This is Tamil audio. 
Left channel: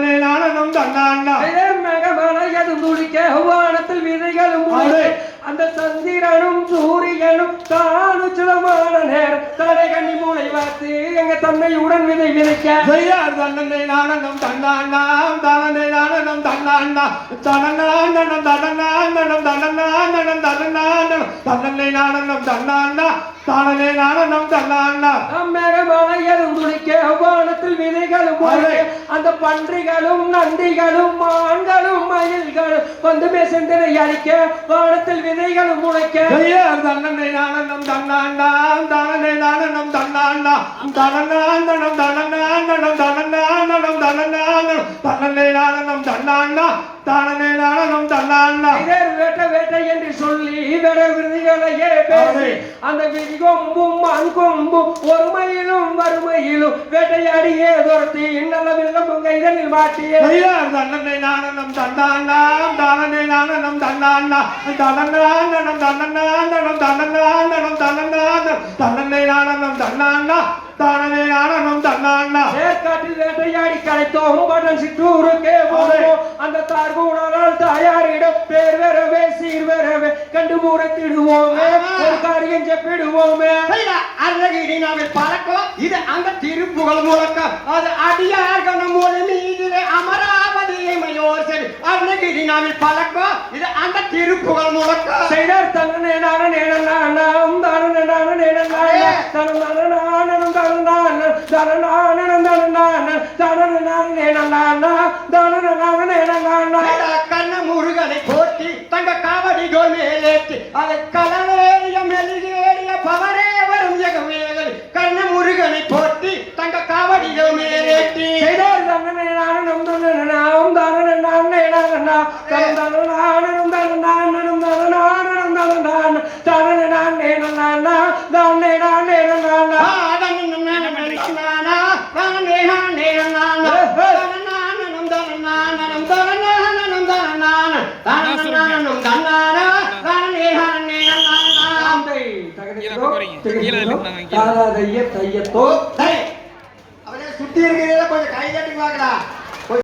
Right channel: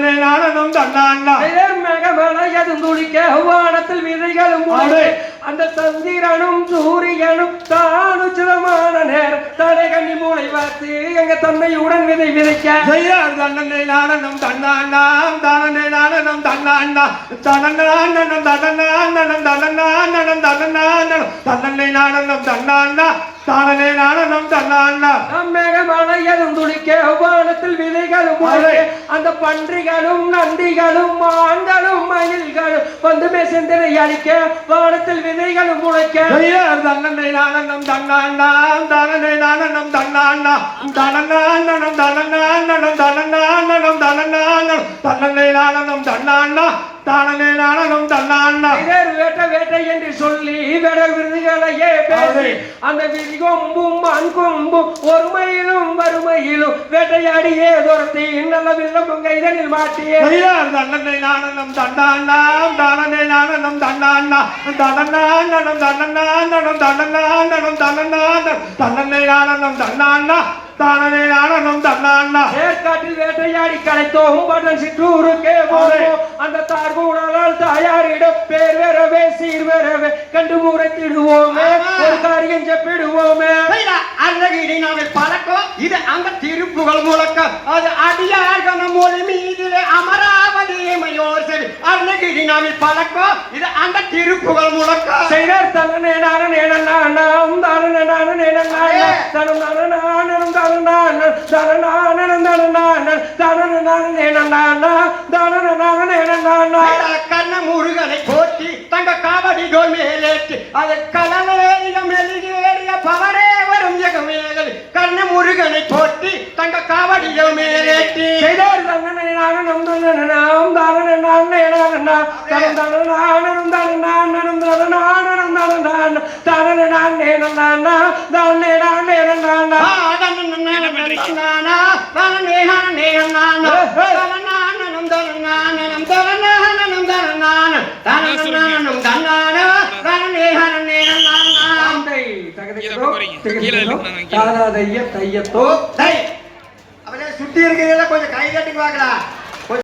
தானே நானும் தன்னாண்டா மேகமலையதும் துளிக்க வானத்தில் விதைகளும் அந்த சந்திரனும் சூரியனும் தானுச்சிதமான நேரம் தடை கண்ணி மூளை வார்த்து எங்க தன்னையுடன் விதை விதைக்க தன்னனை நானும் தன்னாண்டாம் தானே நானும் தன்னாண்டா தனநாண்டனம் தனநாண்டனம் தனநாண்டனம் தனநாண்டனம் தன்னனை நானும் தன்னாண்டா தானே நானும் தன்னாண்டா மேகமலையதும் துளிக்க வானத்தில் விதைகளும் அந்த பன்றிகளும் நந்திகளும் மான்களும் மயில்களும் வந்து மேசந்தனை அடிக்க வானத்தில் விதைகளும் முளைக்க தன்னனை நானும் தன்னாண்டாம் தானே நானும் தன்னாண்டா தனநாண்டனம் தனநாண்டனம் தனநாண்டனம் தனநாண்டனம் தன்னனை நானும் தன்னாண்டா தானே நானும் தன்னாண்டா வேட்ட வேட்டை என்று சொல்லி வேட விருதுகளையே பேசி அந்த விதி கொம்பும் மண் கொம்பும் ஒருமையிலும் வறுமையிலும் வேட்டையாடியே துரத்தி நல்ல வில்லமும் கைதனில் மாட்டியே தன்னனை நானும் தன்னாண்டாம் தானே நானும் தன்னாண்டா தனநாண்டனம் தனநாண்டனம் தனநாண்டனம் தனநாண்டனம் தன்னனை நானும் தன்னாண்டா தானே நானும் தன்னாண்டா ஏற்காட்டில் வேட்டையாடி கலைத்தோம் பட்டன் சிற்றூருக்கே போவோம் அந்த தார்கூடலால் தாயாரிடம் பேர் வரவே சீர் வரவே கண்டு முறைத்திடுவோமே ஒரு காரியம் செப்பிடுவோமே அருணகிரிநாவில் பழக்கம் இது அந்த திருப்புகழ் முழக்கம் அது அடியார்கன மொழி மீதிலே அமராவதி மயோசரி அருணகிரிநாவில் பழக்கம் இது அந்த திருப்புகழ் முழக்கம் செய்தார் தன்னே நானும் நேனம் தானே நானும் நேனம் தனம் நானும் கண்ண முருகனை போட்டி தங்க காவடிகள் மேலேற்றி அது கலவேறிய மெலிகேறிய பவரே வரும் ஜெகமேகல் கண்ண முருகனை போட்டி தங்க காவடிகள் மேலேற்றி செய்தார் தன்னே நானும் தானே சுத்தி இருக்கிறத கொஞ்சம் கை கட்டி பார்க்கலாம்.